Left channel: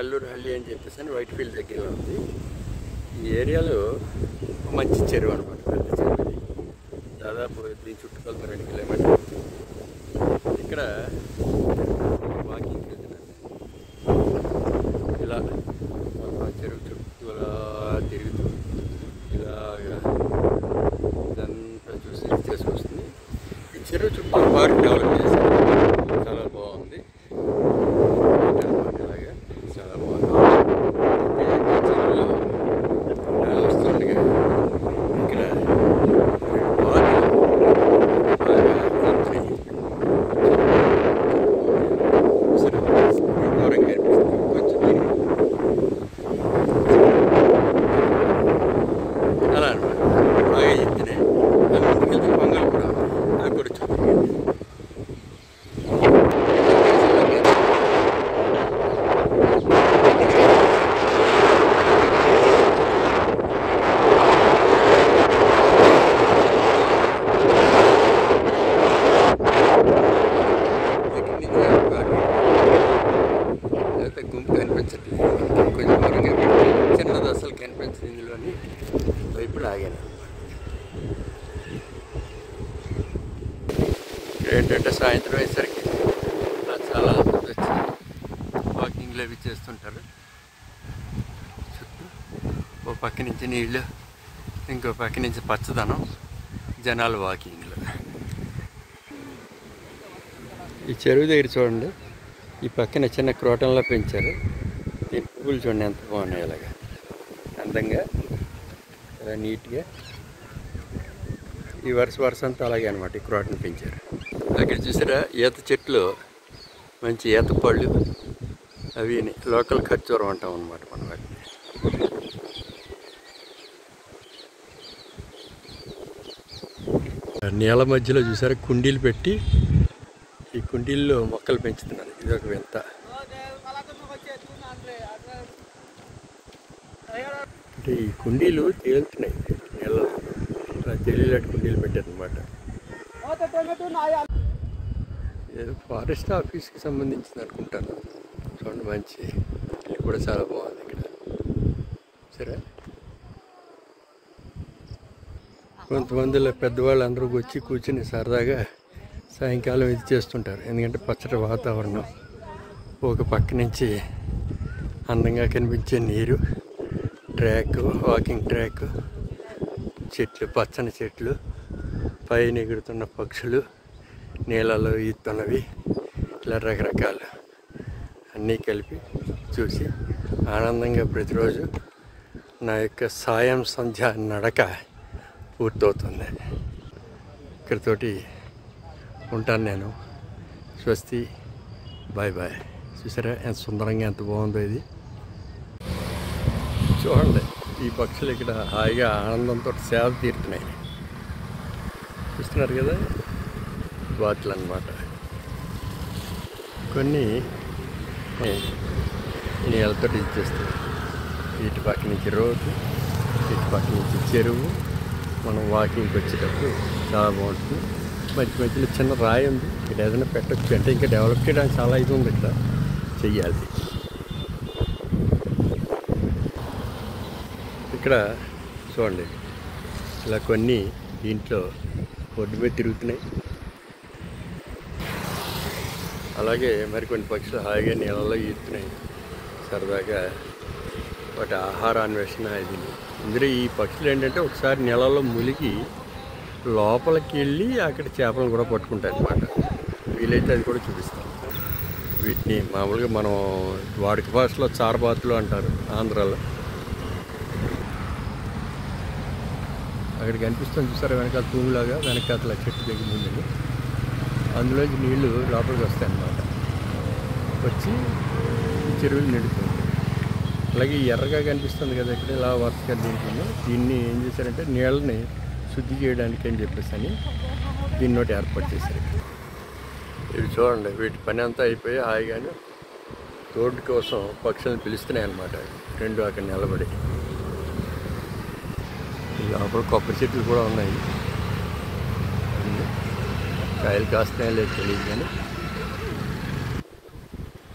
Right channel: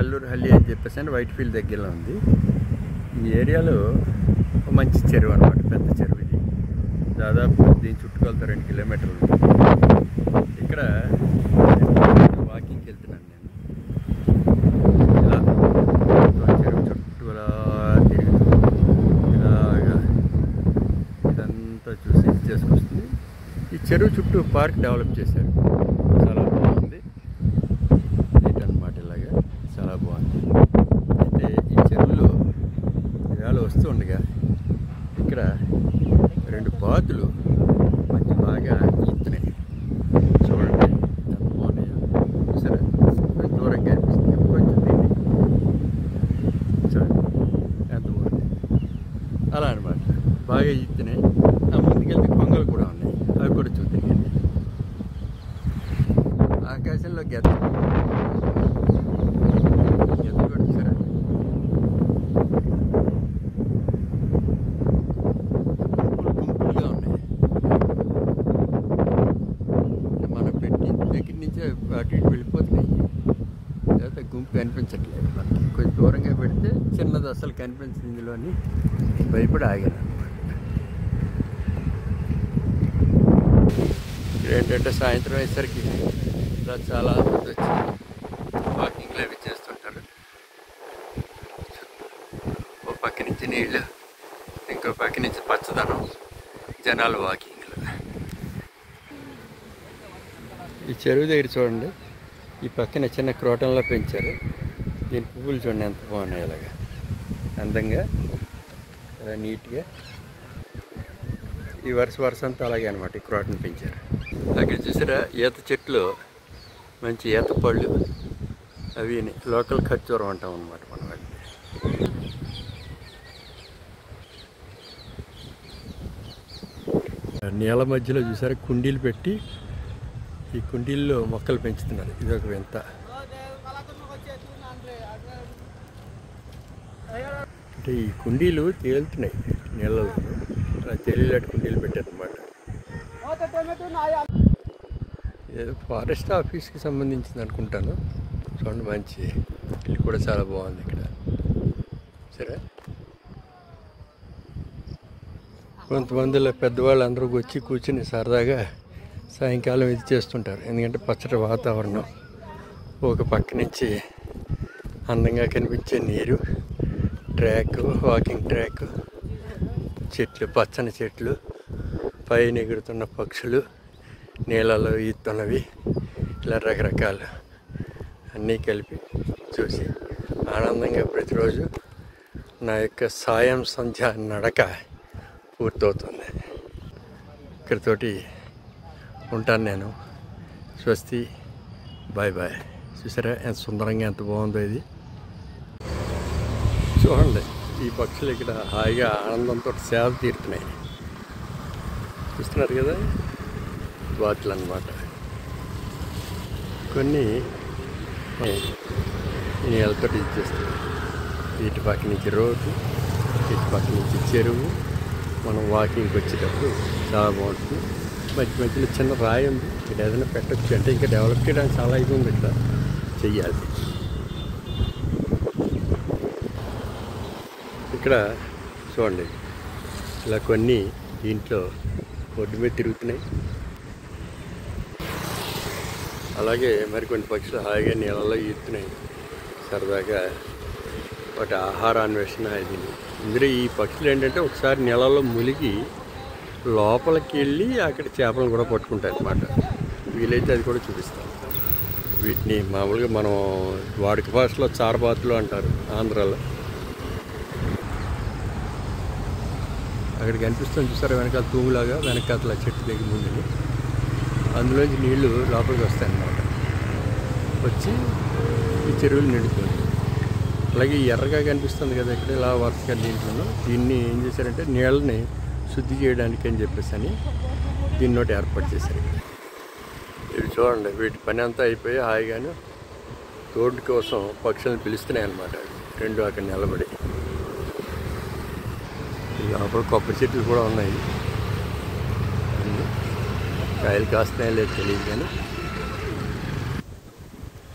నల్లూరు హల్లి అని చెప్పేసి అని వైట్ఫీల్డ్ దగ్గరలో ఉంది. ఈ ఏరియాలో మంచి చెరువు అనమాట, పెద్ద చెరువు ఇది. దాదాపు దీని చుట్టుకొలత 2 కిలోమీటర్లు. ఇక్కడ వాకింగ్కి వెళ్తున్నాను నేను. ఇలా చెరువు చుట్టూ అలా తిరుగుతూ ఇలాగా ఇదంతా చూసి చేసుకొస్తుంది. ఈ చెరువు చుట్టూ పార్క్ డెవలప్ చేశారు, చాలా బాగుంది అనమాట. ఇలాగా చాలా బాగుంది. అయితే ఈ చెరువులో నెల వస్తుండగా ఇక్కడ 2 బాతులు బాగా ఎత్తున్నాయి. దూరంగా అనిపిస్తుంది కొంచెం అలా అనమాట, బాగా ఎత్తినాయి. అది ముందుకెళ్తే పొంగల్ కూడా ఉన్నాయి, అవి కూడా చూపించండి. లేకపోతే గుంపు కనిపించట్లేదు, కొంచెం దూరంగా చిన్నది అసలు కనిపించింది ఇందులో అని భయపడి ఆగాను అనమాట. ఇక్కడ ఏంటంటే సాయంత్రం అయ్యేసరికి ఇలా చాలా మంది వచ్చి వాకింగ్లు అవి చేస్తుంటారు. చుట్టూ ఓ పక్క నుంచి నీళ్ళు, ఇంకో పక్క నుంచి పచ్చదనం, జనాలు వాకింగ్లు. ఈ చెరువు దగ్గర చూడండి, ఈ పక్కన చిన్న క్రోటంలో పెంచారు. దీని పువ్వులు చూడండి ఎంత బాగున్నాయి, ఇలాగా అందంగా, ఇలా నీట్గా. ఈ వరుస అంతా అలాగే అనమాట, ఈ క్రోటను పెంచారు. అక్కడ చూసారా ఈత చెట్లు, మంచి ఈత పళ్ళు, అవి లోకల్ ఖర్జూరం అంటాం అనమాట మనం. వాటిని నీళ్ళ మధ్యలో చూసారా కుండీలు పెట్టి, ఈ కుండీల్లో మొక్కలు పెంచుతున్నారు. ఇదొక వింత. అంటే ఈ కుండీలు తేలుతున్నాయి నీళ్ళలో, అలా తేలిలాంటి కుండీలు పెట్టారనమాట. ఏదో ఫారెస్ట్ ఆఫీస్కి సంబంధించింది అనుకుంటాను. చూడండి మంచి ఇల్లు కూడా చాలా బాగుంది ఇక్కడ. సరే, కొంతమందిలో పెద్దవాళ్ళు అందరూ వచ్చి కూర్చుని సరదాగా సాయంకాలం ఇది చేస్తుంటారు. ఎందుకంటే పచ్చటి వాతావరణం, ఒక పక్క నుంచి అందంగా కనిపించే నీరు, ట్రాక్, వాకింగ్ ట్రాక్, చెట్లు, పచ్చని చెట్లు, పైన ఎగురుతున్న పక్షులు, నీళ్ళలో ఈతున్నవి, ఇలా రకరకాలు అన్నీ కలిపి చూసి ఆనందంగా ప్రతిరోజు నా యొక్క సాయం సంధ్య నడక పూర్తవుతుంది. ఇక్కడితోటి ఉంటాను నేను. స్వస్తి, బాయ్ బాయ్. చూసారా ఎంత సుందరంగా, ఎంత బాగుందో ఇది. చూడండి ఈ పక్షులు ఇక్కడ హాయిగా ఆనందంతో సేద తీరుతున్నాయి. చూస్తున్నారు కదా, బాతులు అన్నమాట. కొన్ని ఈ నీళ్ళతో ఇచ్చేస్తాయి. ఇటు పక్క నుంచి రోడ్డు, ఇటు పక్క నుంచి చెరువు. మనం వాకింగ్కి వచ్చేటప్పుడు చాలా బాగుంటుంది. మధ్య మధ్యలో చిన్న రాయి ఉంది, ఇక్కడ ఏదైనా పెట్టచ్చు. అంటే ఇంకా డెవలప్ చేయడానికి చాలా ఇది ఉంది, ఇక్కడ చెయ్యాలి. ఇక్కడ చూడండి ఇలా కొన్ని దీంట్లో ఒడ్డు మీద తిరుగుతున్నాయి. అలాగే మరికొన్ని పక్షులు హాయిగా నీళ్ళలో ఈదుతున్నాయి సరదాగా. వాటి ఆహార అన్వేషణ ఇది. ఇందులో ఈ పక్షులు ఏంటంటే ఒకసారి నీళ్ళలో మునిగి లోపలికి వెళ్ళి అక్కడ చేపలను కూడా పట్టుకుంటాయి అన్నమాట. వీలైతే అది కూడా చూపిస్తాం. వీటిని మామూలుగా మనం వాడుక భాషలో చారబాతులు అంటారు ఆంధ్రాలో. అక్కడ కనిపిస్తుంది చూసారా, వెనకాల తూములాగా, వెనకాల చెట్టు దగ్గర ముందుని అందులోంచి నీళ్లు లోపలికి వస్తాయి అన్నమాట. వచ్చి ఈ చెరువులు నిండుతుంది. అలాగే ఎర్రగా కనిపిస్తుంది కదా ఇక్కడ, ఇలా వరుసగా దీంట్లో దీన్ని ఏం చేశారంటే నీళ్ళని శుద్ధి చేయడానికి అని చెప్పేసి అని దీన్ని ఒకటి ఏర్పాటు చేశారు ఇక్కడ. ఇవి చూడండి, వీటి పని అంతా అయిపోయి హాయిగాను రోడ్డు కోసం పక్షులను పిలుస్తున్నాయి అన్నమాట. అవి రెండు అక్కడ నిలబడి. లోపల కొబ్బరి చెట్లు కూడా ఉన్నాయి. కాయలు కాస్తున్నాయో లేదు తెలియదు కానీ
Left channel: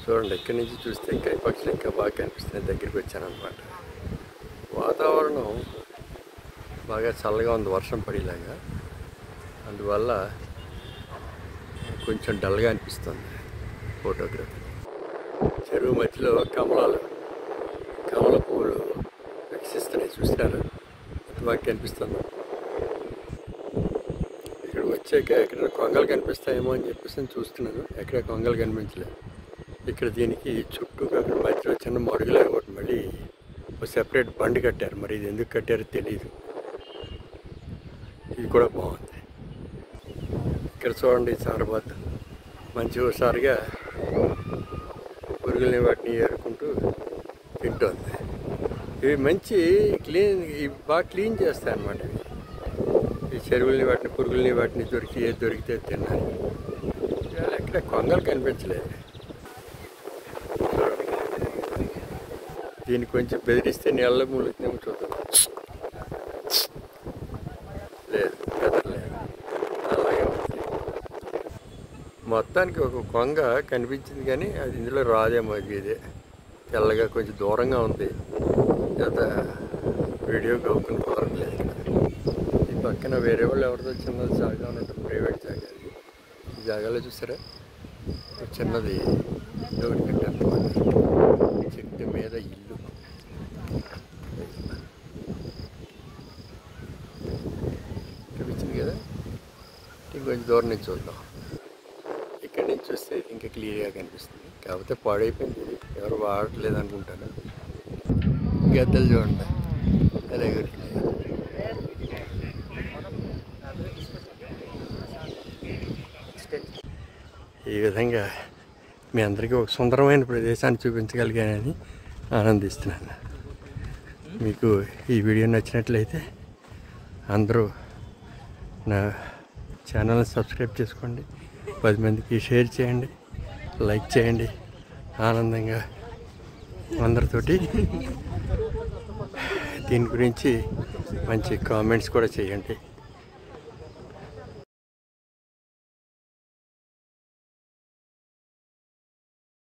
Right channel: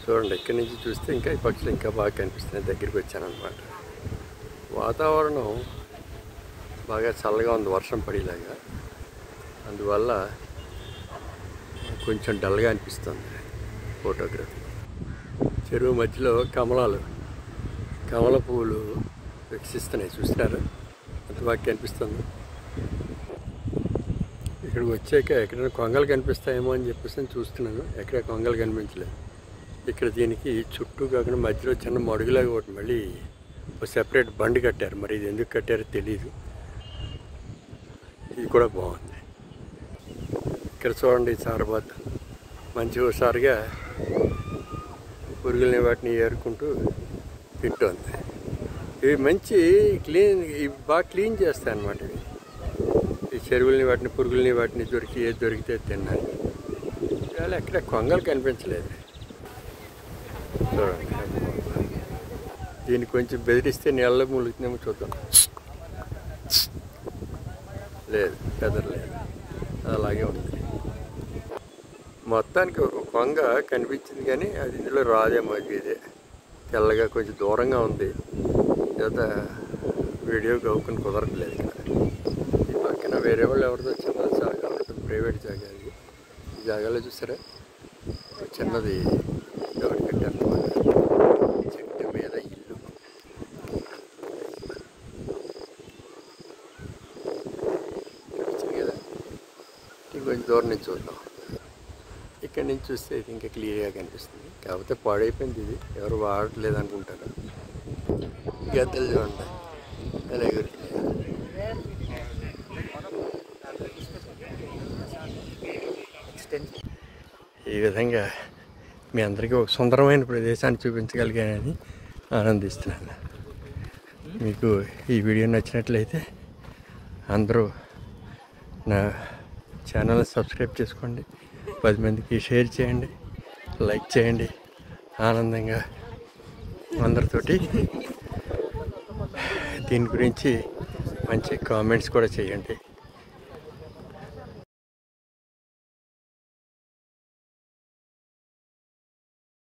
చూడండి, ఇక్కడి నుంచి చూస్తే ఇంకా ఈ పక్షులు ఇంకా బాగా కనిపిస్తున్నాయి. దగ్గరికి వచ్చాను అనమాట. వాతావరణం బాగా చల్లగా ఉంది, వర్షం పడేలాగా. అందువల్ల కొంచెం డల్గా అనిపిస్తుంది ఫోటోగ్రఫీ. చెరువు మధ్యలో కమల పువ్వులు వికసిస్తున్నాయి. చూసినారు, అంత బాగా కనిపిస్తుంది. ఇక్కడికి వచ్చాక ఎక్కడ కొంగలు కనిపిస్తాయేమో అని చెప్పేసి చూస్తున్నాను. ఎక్కడ కొంగలు కనిపించలేదు. ఇక్కడ దీనికి చుట్టూ కాకుండా మధ్యలో చిన్న మడుగులాగా ఒకటి మళ్ళీ ఒక సెపరేట్ బండి కట్టారు. మరి ఇది ఎందుకు కట్టారో తెలియదు. ఇది కూడా బాగుంది. ఇక్కడ చూడండి, చారబాత్ మంచి హుషారుగా పురుగుల్ని వాటిని ఏరుకుంటూ తింటుంది. ఇవి మంచి ఇవి బాగా క్లీన్ చేస్తాయి అన్నమాట. ఈ చెరువుల్ని వాటిని పురుగుల్ని వాటిని ఏది దొరికితే తిన్నాయి. ఇవాళ ఎక్కడ కొంగలు కనిపించలేదు. చూడండి, దీన్ని కొంచెం బెదిరిస్తే నీళ్ళ ములుగుతుందేమో చూద్దాం. లేదు, బెదరలేదు. అలాగే ఉంది. మొత్తానికి ఒక కొంగ కనిపించింది, కానీ అది ఇందులో రాదేమో. ఇదే తెల్లగా కొంచెం దూరంగా ఉంది. తర్వాత వీడియో గౌకుని కుదరట్లేదు. ఇక్కడ ఈ పక్కన వేరే వాళ్ళు ఎవరిదో చిన్న జాగా ఉంటుంది, ప్రైవేట్ జాగా. అది ఈ జాగాలో చూసారా, చిన్నది ఒకటి కట్టారన్నమాట. చెట్టు మీద ఇల్లు. కనిపించింది కదా. ఇంకొంచెం దూరం నుంచి చూద్దాం. ఇక్కడి నుంచి చూస్తే ఇది ఇంకా క్లియర్గా కనిపిస్తుంది. కాకపోతే పాడైపోయింది, ఇది ఎవరు వాడట్లేదు అనుకుంటాను. గద్దలు చూడండి అలా ఎగురుతున్నాయి. ఈ విధంగా మీ అందరికీ ఒక సుందరమైన ప్రదేశాన్ని చూపించగలిగానని ఆనందిస్తున్నాను. మీకు ఈ వీడియో నచ్చినట్లయితే అందరూ నా ఛానల్ని సబ్స్క్రైబ్ చేసుకోండి, 10 మందికి షేర్ చేయండి, లైక్ చేయండి. ఆనందంగా అందరితోటి దీని గురించి మంచి కామెంట్స్ కూడా చేయండి.